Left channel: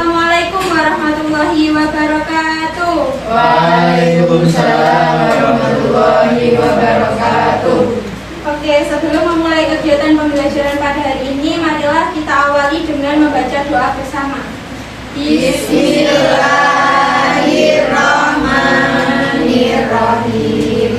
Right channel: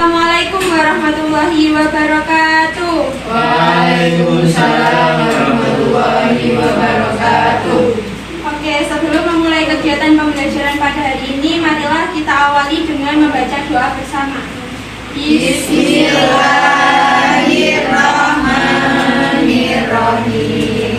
Assalamualaikum warahmatullahi wabarakatuh. Waalaikumsalam warahmatullahi wabarakatuh. Oke, sebelum memulai kegiatan pembelajaran pada hari ini, marilah kita awali dengan membaca doa bersama. Bismillahirrahmanirrahim.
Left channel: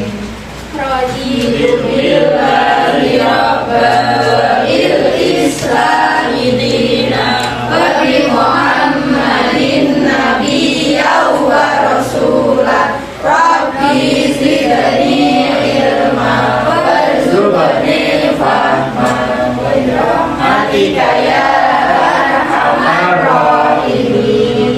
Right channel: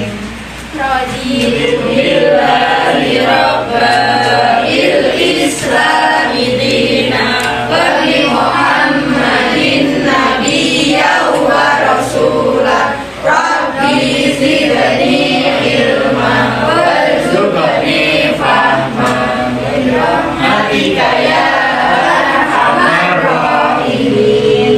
Raditu billahi rabbil islami dinan wa bi Muhammadin nabiyyan wa rasulah. Rabbi zidni ilma warzuqni fahma bi rahmatika ya arhamar rahimin.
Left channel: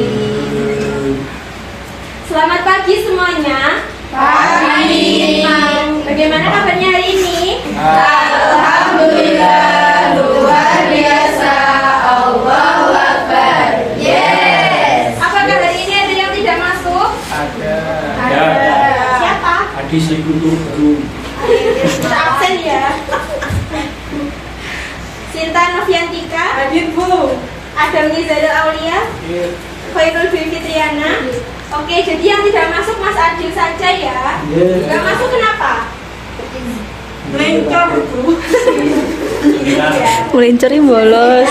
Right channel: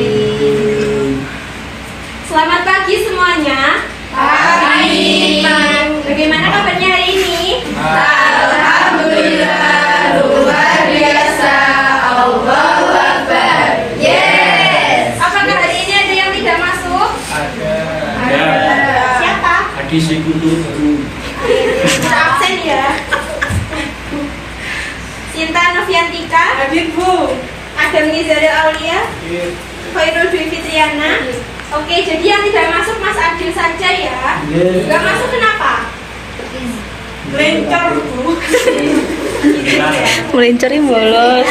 Selamat pagi semuanya. Pagi. Bagaimana kabarnya hari ini? Alhamdulillah, luar biasa. Allahu Akbar. Yes. Apakah hari ini ada yang tidak masuk? Ada. Siapa? Adi Sekutu Guru. Absen ya. Sinta Noviantika. Hadir Bu. Adam Nizarul Aulia. Khairul Dwi Fitriana. Oke, jadi yang tidak masuk Mas Adil saja ya. Gak masuk kenapa? Mencor Bu. Melencari bolos.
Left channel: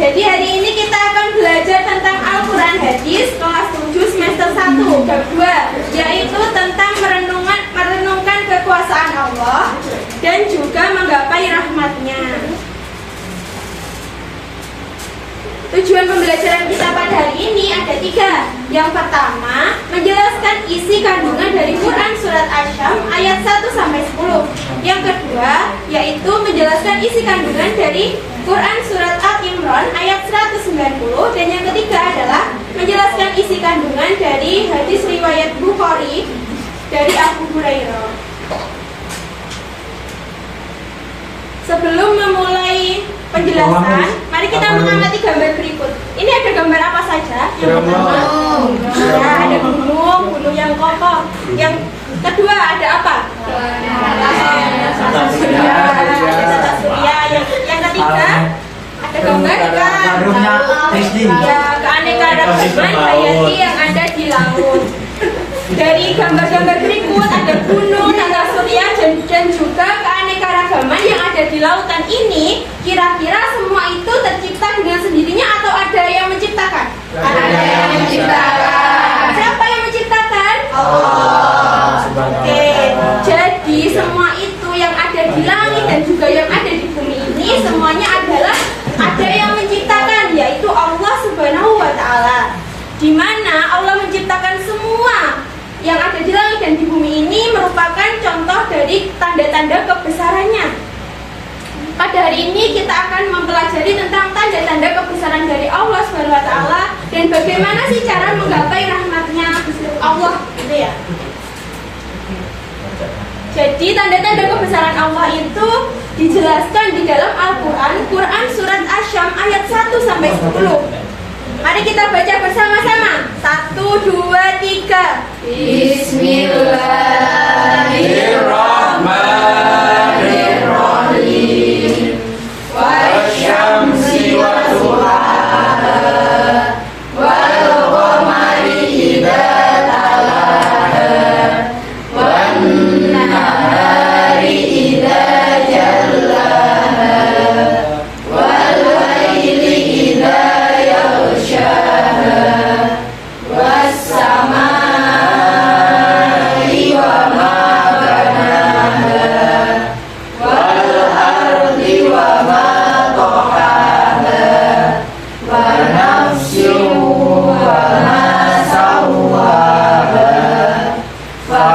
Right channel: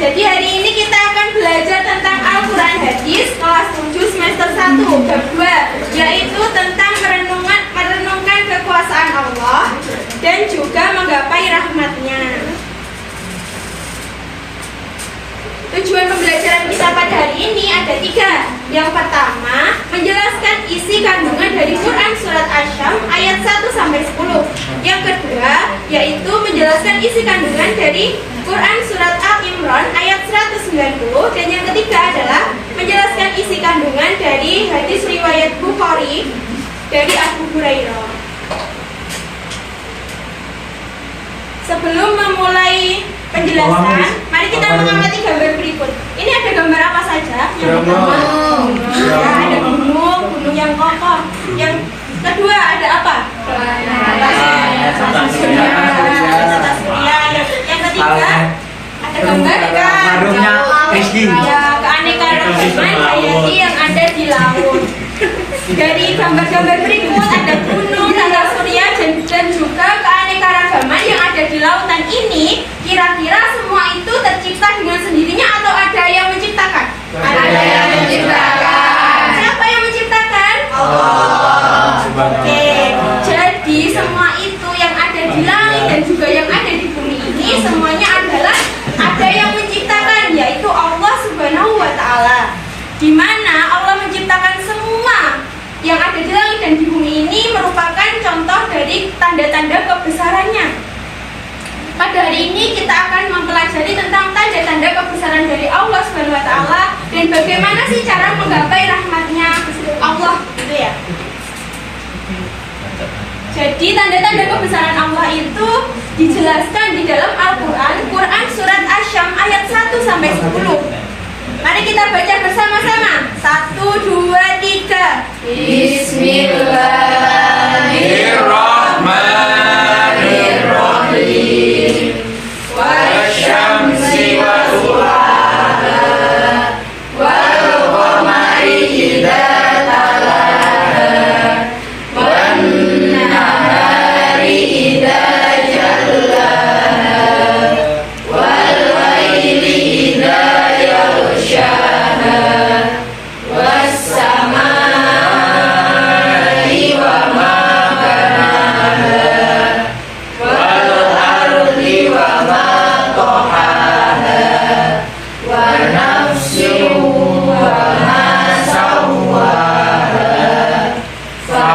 Jadi hari ini kita akan belajar tentang Al-Quran Hadis kelas 7 semester 1 bab 2, yaitu tentang merenungkan kekuasaan Allah dan juga menggapai rahmatnya. Tujuan pembelajaran kita pada hari ini ada 3. Yang pertama, menjelaskan isi kandungan dari Quran Surat Asy-Syams ayat 1-10. Yang kedua, yaitu menjelaskan isi kandungan dari Quran Surat Al-Imran ayat 190. Dan yang ketiga adalah menjelaskan isi kandungan dari hadis riwayat Bukhari dari Abu Hurairah. Sebelum memulai penjelasan, mari kita mengamati gambar berikut. Ini ada gambar apa saja? Gunung. Ya, ada gunung yang kokoh. Yang kedua ada apa? Tata surya. Yang ketiga ada gambar Warungnya Rizky. ya, keanekaragaman hayati yang ada di laut. Dari gambar-gambar berikut ada gunung, tata surya, dan juga keanekaragaman yang ada di lautan ini. Kira-kira semua itu tercipta dengan sendirinya atau ada yang menciptakan? Ada yang menciptakan. Siapa yang menciptakan? Allah. Oke, jadi semua itu yang ada di langit dan juga yang ada di bumi ini semuanya adalah ada yang menciptakan, yaitu Allah Subhanahu wa Ta'ala. Di mana Allah menciptakan semua yang ada di langit dan di bumi ini merupakan contoh dari tanda-tanda kebesarannya. Pada hari ini kita akan mempelajari tentang tanda-tanda kebesaran dari Allah Subhanahu wa Ta'ala dan bagaimana sih cara menggapai rahmatnya Allah, gitu ya. Jadi tanda-tanda kebesaran Allah itu dijelaskan di dalam Al-Quran, Quran Surat Asy-Syams ayat 1-10. Mari kita baca bersama-sama. 1, 2, 3. Bismillahirrahmanirrahim. Wasyamsi wa duhaha wal qamari idza talaha wan nahari idza jallaha wal laili idza yaghshaha was samai wa ma banaha wal ardi wa ma tahaha wa nafsin wa ma sawwaha fa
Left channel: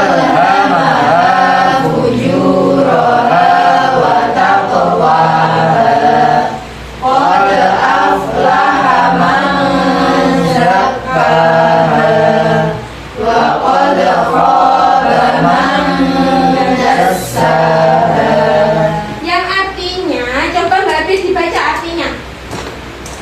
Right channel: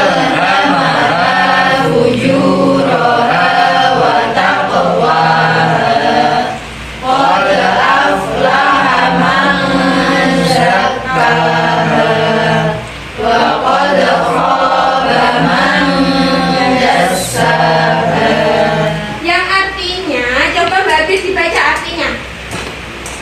alhamaha fujuraha wa taqwaha qad aflaha man zakkaha wa qad khaba man dassaha. Yang artinya, coba Mbak Abis dibaca artinya.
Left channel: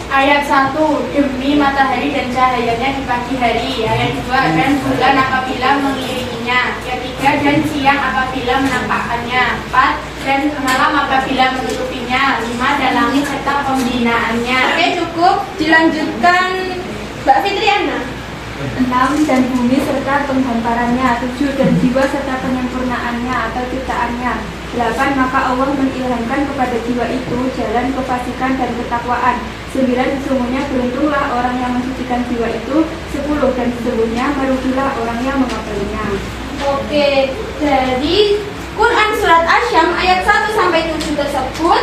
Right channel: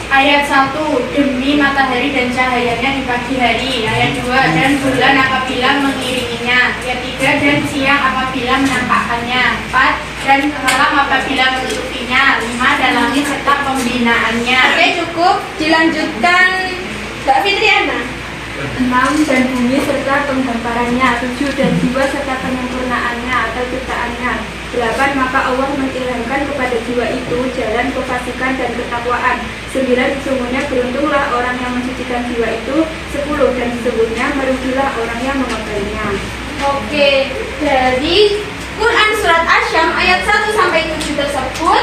Ayat 1, demi matahari dan cahayanya di pagi hari. Ayat 2, dan bulan apabila mengiringinya. Ayat 3, dan siang apabila menampakkannya. 4, dan malam apabila menutupinya. 5. Dan langit serta pembinaannya. Oke, cukup. Dilanjutkan Mbak Fitriana. 6. Dan bumi serta penghamparannya. 7. Dan jiwa serta penyempurnaannya atau ciptaannya. 8. Maka Allah mengilhamkan kepada jiwa itu jalan kefasikan dan ketakwaan. 9. Sesungguhnya beruntunglah orang yang mensucikan jiwa itu. 10. Dan sesungguhnya merugilah orang yang mengabainya. Oke, dari Quran Surat Asyam ayat 1-7 tersebut,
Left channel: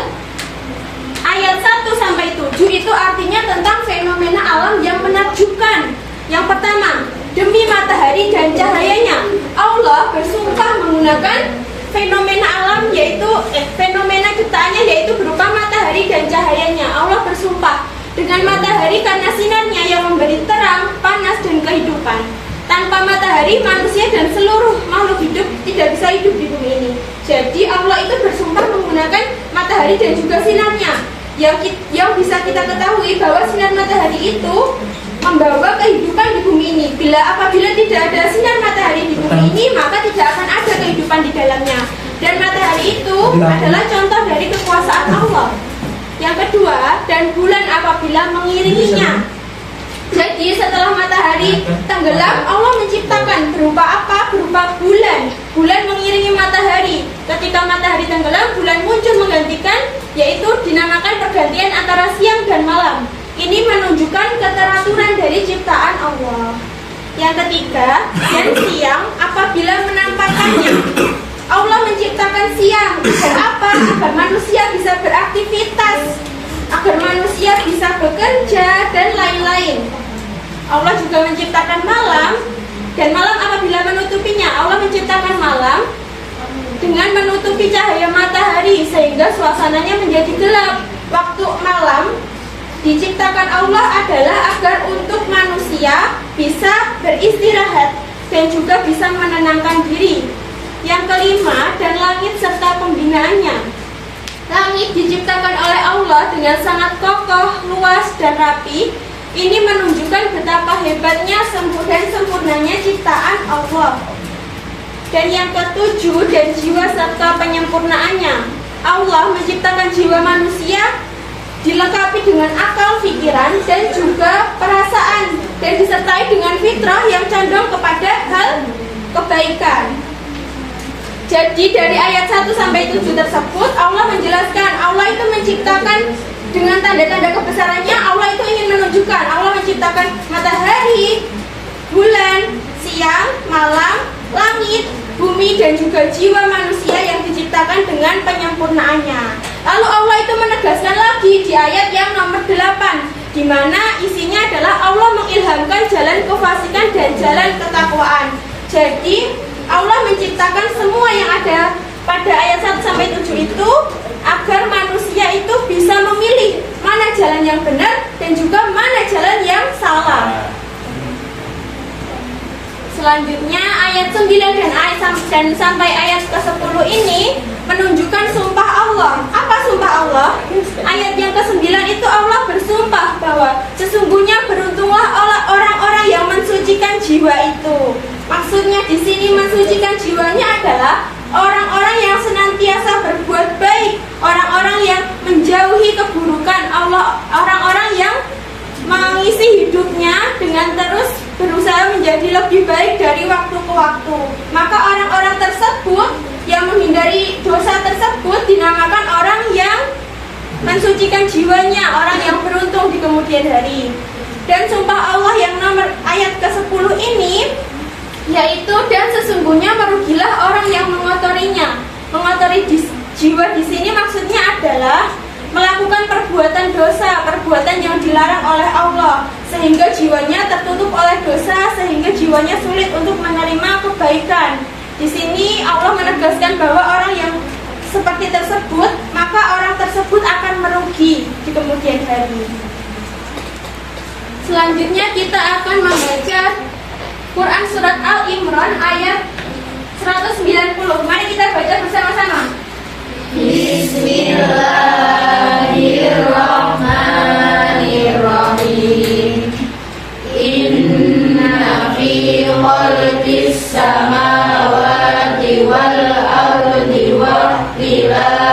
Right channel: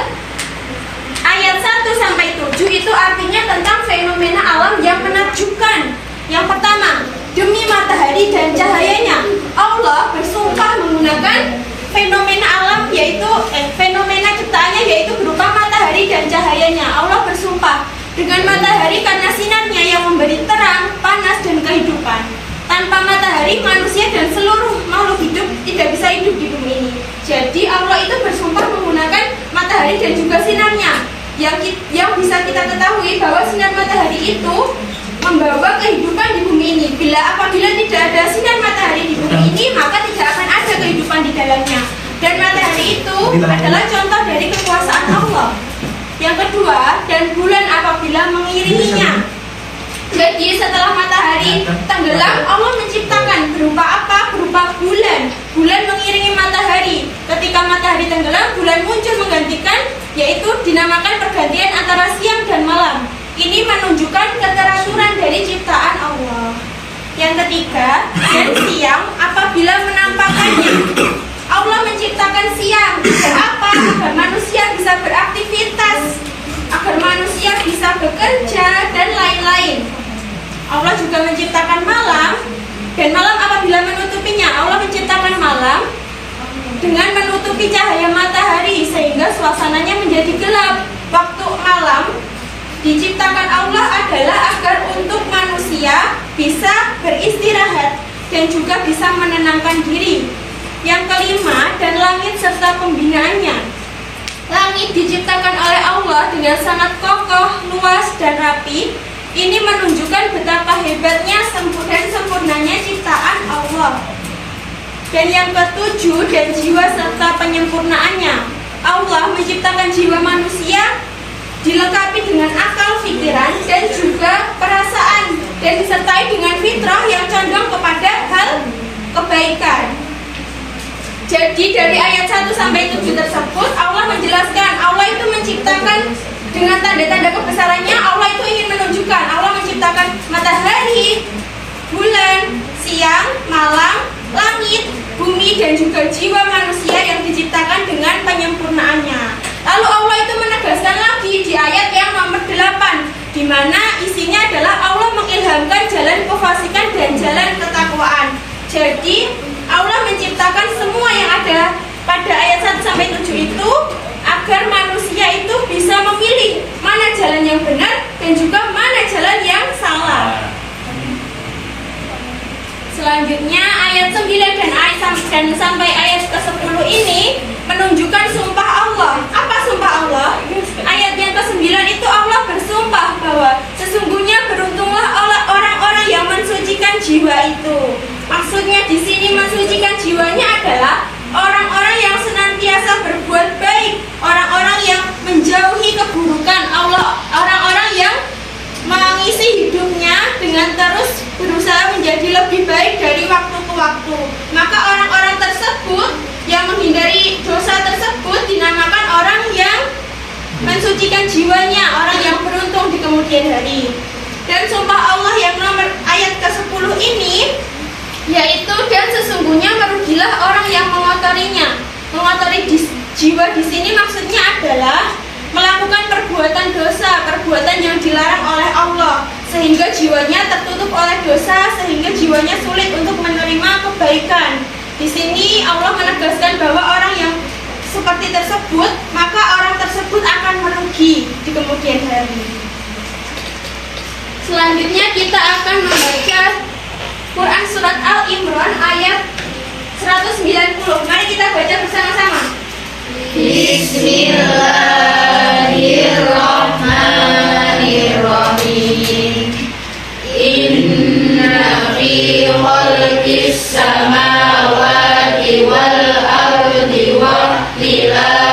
ayat 1-7 itu artinya tentang fenomena alam yang menakjubkan. Yang pertama, demi matahari dan cahayanya, Allah bersumpah menggunakan fenomena alam yaitu fenomena ciptaannya yaitu berupa matahari dan cahayanya. Allah bersumpah dengan matahari karena sinarnya yang memberi terang, panas dan kehidupan. Tanpa matahari, manusia dan seluruh makhluk hidup tidak bisa hidup di bumi ini. Jadi Allah itu bersumpah menggunakan matahari dan juga sinarnya. Yang bisa kita ketahui bahwa sinar matahari itu membawa kehidupan di bumi ini. Apabila tidak ada sinar matahari di bumi ini, maka tidak akan ada kehidupan di dalamnya. Dan matahari itu adalah contoh dari kekuasaan Allah. Yang kedua, dan bulan apabila mengiringinya. Jadi setelah matahari tenggelam, Allah menciptakan berupa apa? Berupa bulan. Bulan mengiringi matahari. Ketika matahari tenggelam, bulan muncul menggantikan, yaitu dinamakan pergantian antara siang dan malam. Ini menunjukkan keteraturan dari ciptaan Allah. Yang ketiga, dan siang apabila menampakkannya. Allah menciptakan siang agar apa? Agar manusia bisa beraktivitas, agar manusia bisa bekerja dan lain-lain. Allah juga menciptakan malam, dan malam apabila menutupinya. Allah menciptakan malam dengan menutupi cahaya matahari sehingga suasananya menjadi gelap. Waktu malam diciptakan Allah adalah agar untuk manusia bisa beristirahat dan juga bisa menenangkan diri. Yang kelima, dan langit serta pembinaannya. Langit diciptakan oleh Allah dengan sangat kokoh, luas, dan rapi. Ini menunjukkan betapa hebatnya dan sempurnanya ciptaan Allah. Dan yang ketujuh, dan jiwa serta penyempurnaannya. Allah menciptakan jiwa manusia dilengkapi dengan akal, pikiran, dan juga perasaan, dan disertai dengan fitrah yang condong kepada hal kebaikan. Jadi dari ayat 1-7 tersebut Allah menjelaskan Allah itu menciptakan dengan tanda-tanda kebesarannya. Allah itu ingin menunjukkan Allah menciptakan matahari, bulan, siang, malam, langit, bumi, dan juga jiwa manusia yang diciptakan dengan penyempurnaannya. Lalu Allah itu menegaskan lagi di ayat yang nomor 8, di mana isinya adalah Allah mengilhamkan jalan kefasikan dan jalan ketakwaan. Jadi Allah menciptakan semua yang ada pada ayat 1-7 itu agar manusia itu bisa memilih mana jalan yang benar dan juga mana jalan yang salah. Selanjutnya ayat 9 dan sampai ayat ke-10 ini menunjukkan sumpah Allah. Apa sumpah Allah? Ayat yang ke-9 itu Allah bersumpah bahwa sesungguhnya beruntunglah orang-orang yang mensucikan jiwa itu. Maksudnya di sini mensucikan jiwanya adalah orang-orang yang senantiasa berbuat baik, orang-orang yang menjauhi keburukan, orang-orang yang mengisi hidupnya dengan terus berusaha menjadi lebih baik dari waktu ke waktu. Maka orang-orang tersebut yang menghindari dosa tersebut dinamakan orang yang mensucikan jiwanya, orang yang beruntung di kemudian hari. Dan sumpah Allah yang nomor ayat ke-10 ini yaitu dan sesungguhnya merugilah orang yang mengotorinya. Mengotori jiwa di sini maksudnya adalah melakukan perbuatan dosa, perbuatan yang dilarang oleh Allah, sehingga jiwanya tertutup oleh dosa, sehingga jiwanya sulit untuk menerima kebaikan. Di sini Allah menegaskan bahwa orang yang seperti tersebut, maka orang tersebut akan merugi di kemudian hari. Selanjutnya kita akan membaca Quran Surat Al-Imran ayat 190. Mari kita baca bersama-sama. Bismillahirrahmanirrahim. Inna fi khalqis samawati wal ardi wa ikhtilafil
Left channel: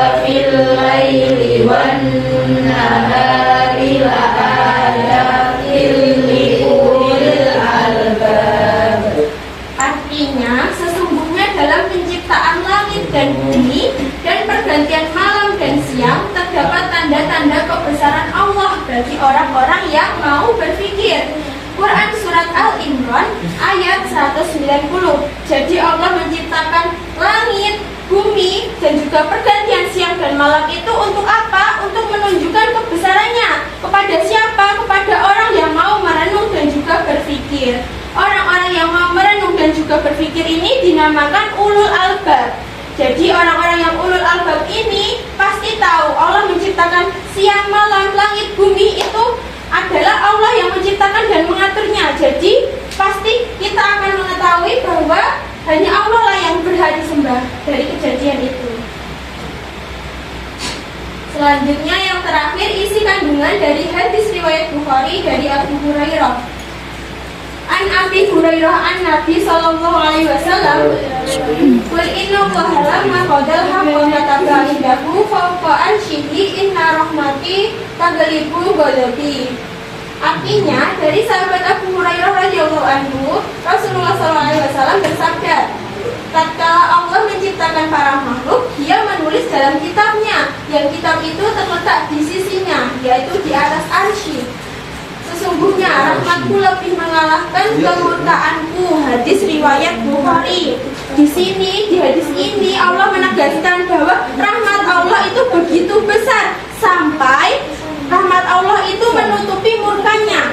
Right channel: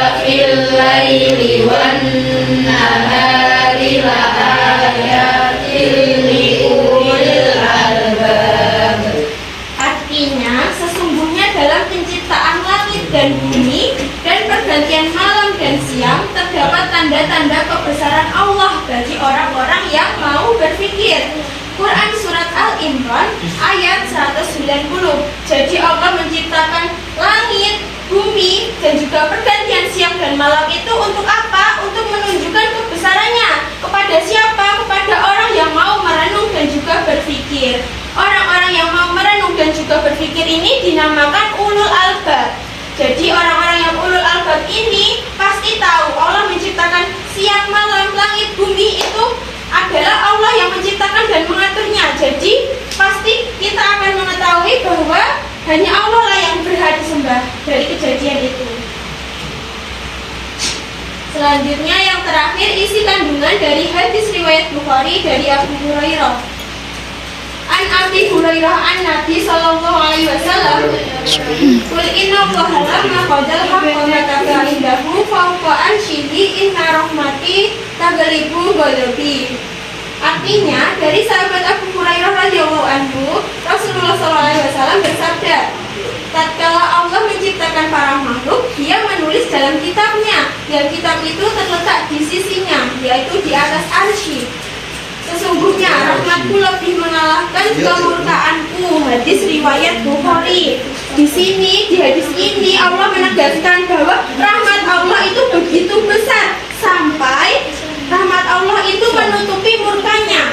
orang-orang yang mau berpikir. Quran surat Al-Imran ayat 190. Jadi Allah menciptakan langit, bumi, dan juga pergantian siang dan malam itu untuk apa? Untuk menunjukkan kebesarannya. Kepada siapa? Kepada orang yang mau merenung dan juga berpikir. Orang-orang yang mau merenung dan juga berpikir ini dinamakan ulul albab. Jadi orang-orang yang ulul albab ini pasti tahu Allah menciptakan siang, malam, langit, bumi itu adalah Allah yang menciptakan dan mengaturnya. Jadi pasti kita akan mengetahui bahwa hanya Allah lah yang berhak disembah dari kejadian itu. Selanjutnya yang terakhir isi kandungan dari hadis riwayat Bukhari dari Abu Hurairah. An Abi Hurairah an Nabi sallallahu alaihi wasallam qul inna Allaha lamma qadal haqqa mataka indahu fawqa arsyihi inna rahmati taghlibu ghadabi. Artinya dari sahabat Abu Hurairah radhiyallahu anhu, Rasulullah sallallahu alaihi wasallam bersabda, tatkala Allah menciptakan para makhluk, Dia menulis dalam kitabnya, dan kitab itu terletak di sisinya, yaitu di atas arsy. Sesungguhnya rahmatku lebih mengalahkan kemurkaanku. Hadis riwayat Bukhari. Di sini, di hadis ini Allah menegaskan bahwa rahmat Allah itu begitu besar sampai rahmat Allah itu menutupi murkanya.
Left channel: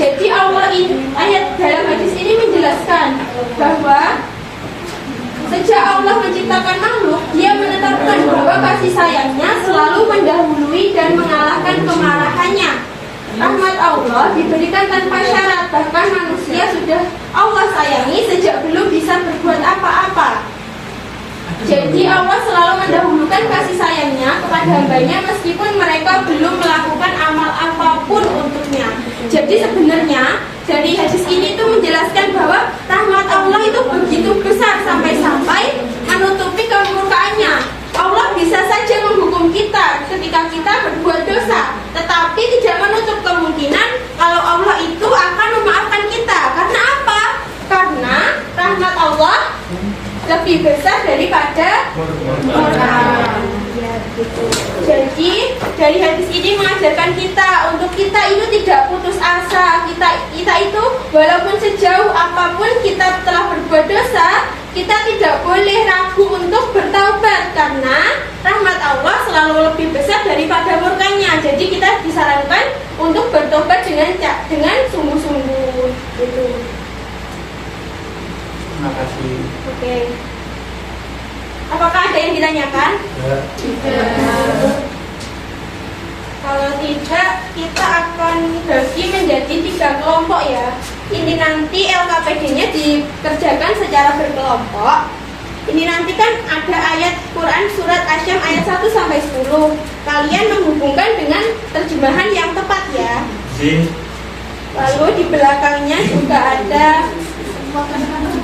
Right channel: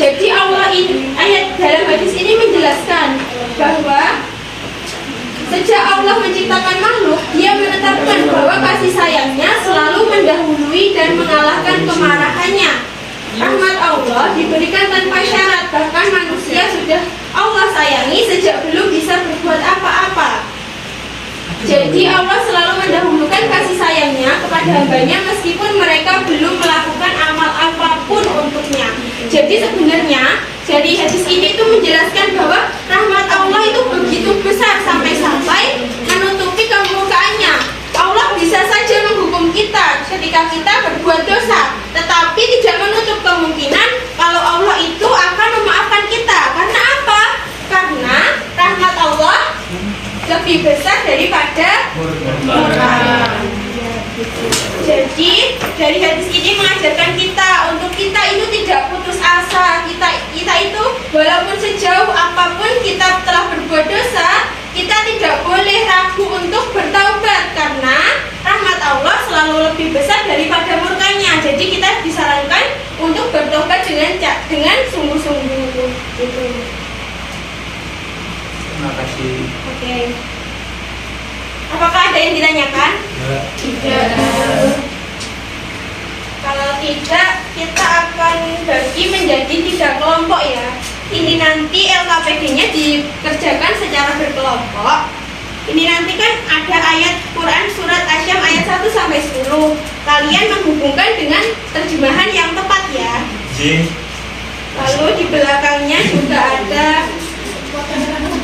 Jadi Allah ini, ayat dalam hadis ini menjelaskan bahwa sejak Allah menciptakan makhluk, Dia menetapkan bahwa kasih sayangnya selalu mendahului dan mengalahkan kemarahannya. Rahmat Allah diberikan tanpa syarat, bahkan manusia sudah Allah sayangi sejak belum bisa berbuat apa-apa. Jadi Allah selalu mendahulukan kasih sayangnya kepada hambanya meskipun mereka belum melakukan amal apapun untuknya. Jadi sebenarnya dari hadis ini itu menjelaskan bahwa rahmat Allah itu begitu besar sampai-sampai menutupi kemurkaannya. Allah bisa saja menghukum kita ketika kita berbuat dosa, tetapi tidak menutup kemungkinan kalau Allah itu akan memaafkan kita. Karena apa? Karena rahmat Allah lebih besar daripada murka. Jadi dari hadis ini mengajarkan kita untuk kita itu tidak putus asa. Kita itu walaupun sejauh apapun kita telah berbuat dosa, kita tidak boleh ragu untuk bertaubat karena rahmat Allah selalu lebih besar daripada murkanya. Jadi kita disarankan untuk bertobat dengan sungguh-sungguh. Gitu. Terima kasih. Oke. Apakah ada yang ditanyakan? Tidak. Kalau tidak, kita akan bagi menjadi 3 kelompok ya. Ini nanti LKPD-nya dikerjakan secara berkelompok. Ini nanti kan ada ayat Quran surat Asyam ayat 1-10. Kalian menghubungkan dengan terjemahan yang tepat ya. Lalu di belakangnya juga ada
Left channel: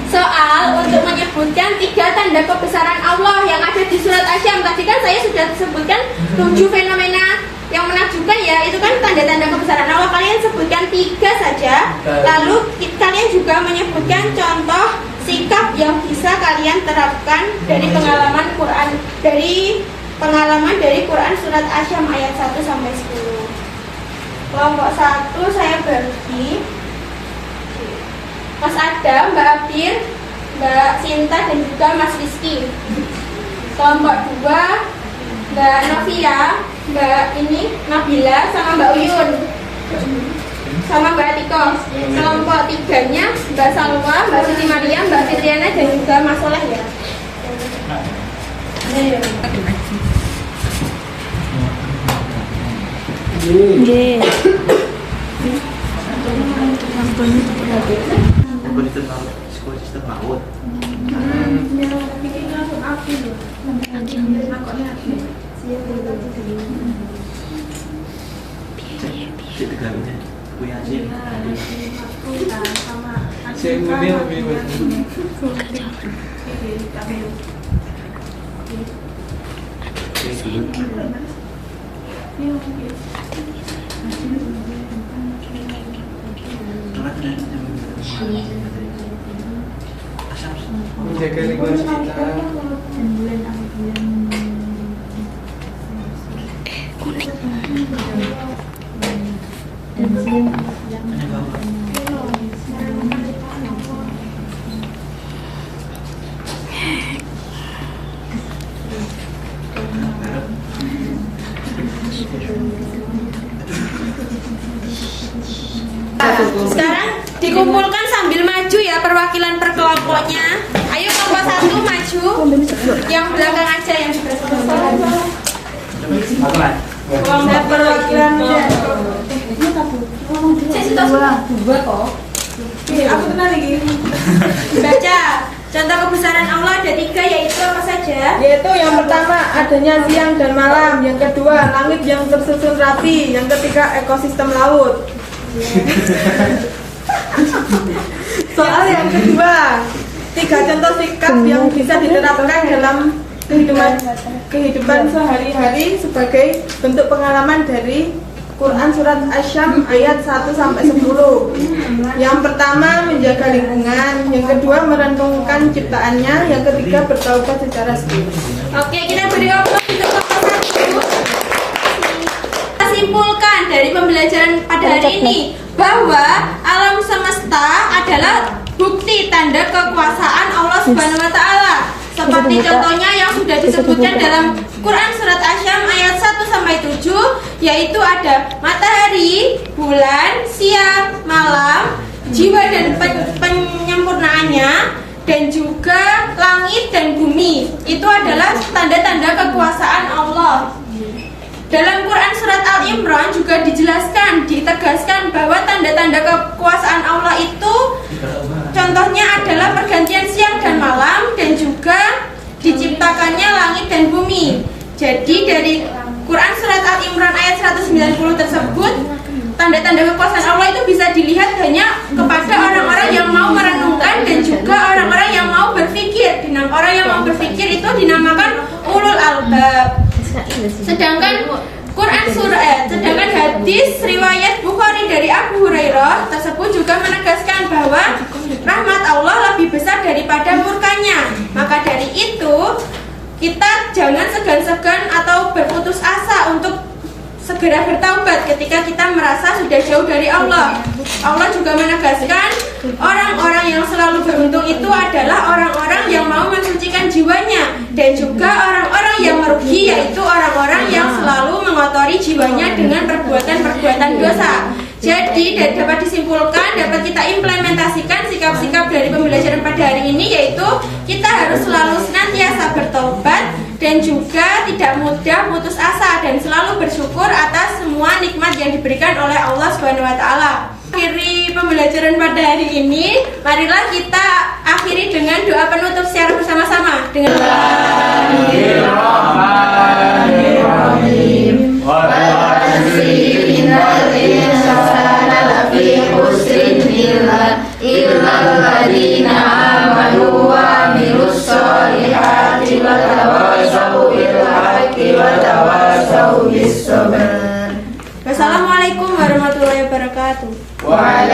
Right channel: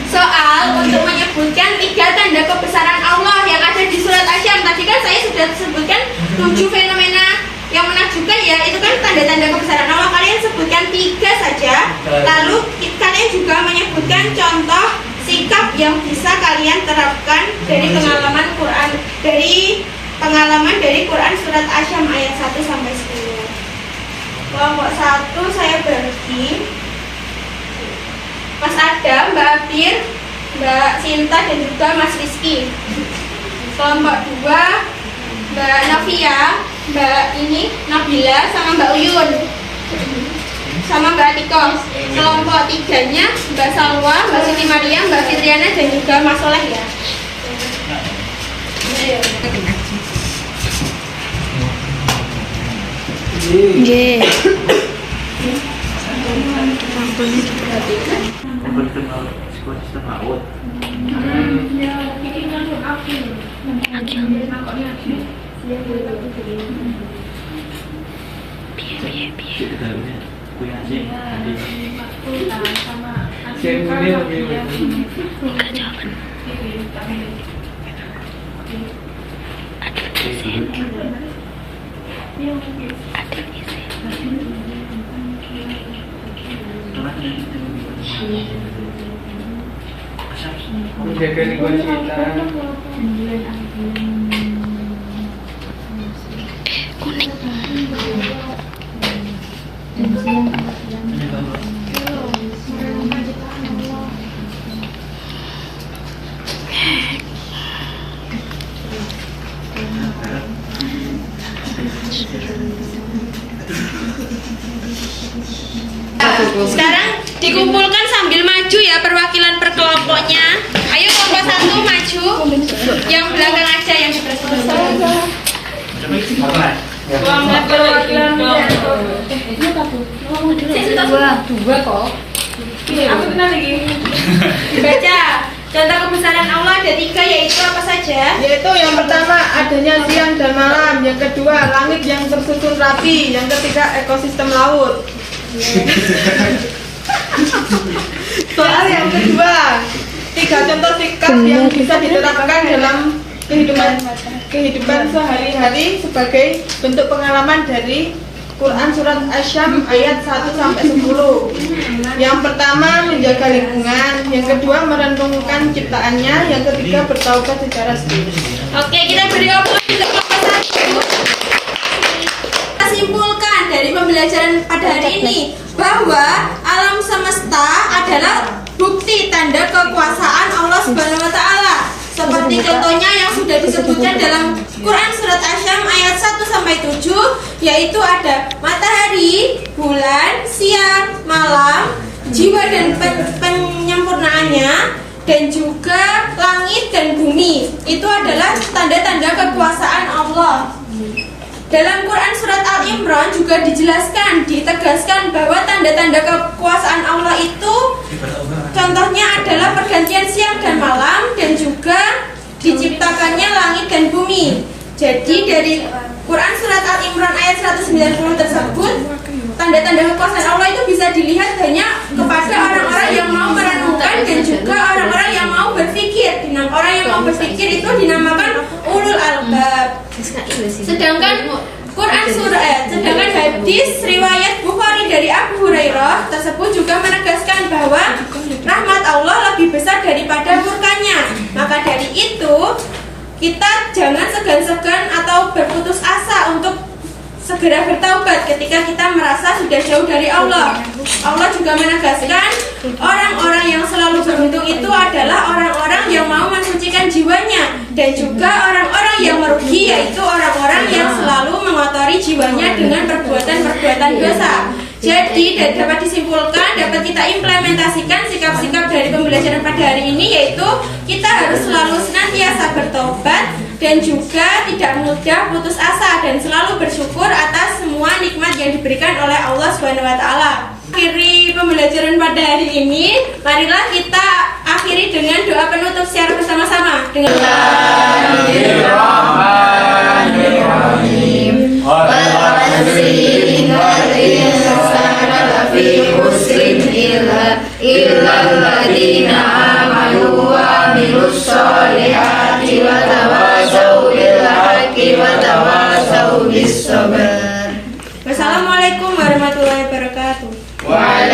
soal untuk menyebutkan 3 tanda kebesaran Allah yang ada di surat Asyam. Tadi kan saya sudah sebutkan 7 fenomena yang menakjubkan ya, itu kan tanda-tanda kebesaran Allah. Kalian sebutkan 3 saja. Lalu kalian juga menyebutkan contoh sikap yang bisa kalian terapkan dari pengalaman dari Quran surat Asyam ayat 1-10. Kelompok 1 saya bagi Mas Adam, Mbak Abdir, Mbak Sinta, dan juga Mas Rizky. Kelompok 2 Mbak Novia, Mbak Nabila, sama Mbak Uyun, sama Mbak Atiko. Kelompok 3-nya Mbak Salwa, Mbak Siti Maria, Mbak Fitriana, dan juga Mas Soleh ya. Menjaga lingkungan sekitar. Kuning. Sekarang dikumpulkan sambil maju ya perwakilan per kelompoknya. Ayo kelompok 1 maju. Yang belakang aja yang di belakang. Kelompok perwakilan aku kenal lagi. Baca. Contoh kebesaran Allah ada 3, yaitu apa saja? Yaitu yang pertama adanya siang dan malam, yang kedua langit yang tersusun rapi, yang ketiga ekosistem laut. Soal yang kedua, 3 contoh sikap yang bisa diterapkan dalam kehidupan sehari-hari sebagai bentuk pengalaman dari Quran surat Asy-Syams ayat 1-10. Yang pertama menjaga lingkungan, yang kedua merenungkan ciptaannya, yang ketiga bertaubat secara sendiri. Oke, kita beri aplaus untuk kelompok 1. Kita simpulkan dari pembelajaran pada hari ini bahwa alam semesta adalah bukti tanda kekuasaan Allah Subhanahu wa taala. Seperti contohnya yang sudah disebutkan dalam Quran surat Asy-Syams ayat 1-7, yaitu ada matahari, bulan, siang, malam, jiwa dan penyempurnaannya, dan juga langit dan bumi. Itu adalah tanda-tanda kekuasaan Allah. Dalam Quran surat Al-Imran juga dijelaskan, ditegaskan bahwa tanda-tanda kekuasaan Allah itu contohnya adalah pergantian siang dan malam, dan juga diciptakannya langit dan bumi. Jadi dari Quran surat Al-Imran ayat 190 tersebut, tanda-tanda kekuasaan Allah itu bisa dilihat hanya kepada orang-orang yang mau merenungkan dan juga orang-orang yang mau berpikir. Orang yang mau berpikir itu dinamakan ulul albab. Sedangkan sedangkan hadis riwayat Bukhari dari Abu Hurairah tersebut juga menegaskan bahwa rahmat Allah lebih besar daripada murkanya. Maka dari itu kita jangan segan-segan atau berputus asa untuk segera bertaubat ketika kita merasa sudah jauh dari Allah. Allah juga menegaskan orang-orang yang selalu beruntung itu adalah orang-orang yang mau mensucikan jiwanya, dan juga orang-orang yang merugi yaitu orang-orang yang selalu mengotori jiwanya dengan perbuatan-perbuatan dosa. Jadi dapat disimpulkan, dapat kita implementasikan sikap-sikap dari pembelajaran pada hari ini, yaitu kita harus selalu senantiasa bertobat dan juga tidak mudah putus asa dan selalu bersyukur atas semua nikmat yang diberikan oleh Allah Subhanahu wa taala. Akhiri pembelajaran pada hari ini, marilah kita akhiri dengan doa penutup secara bersama-sama dengan Wassalamualaikum warahmatullahi wabarakatuh.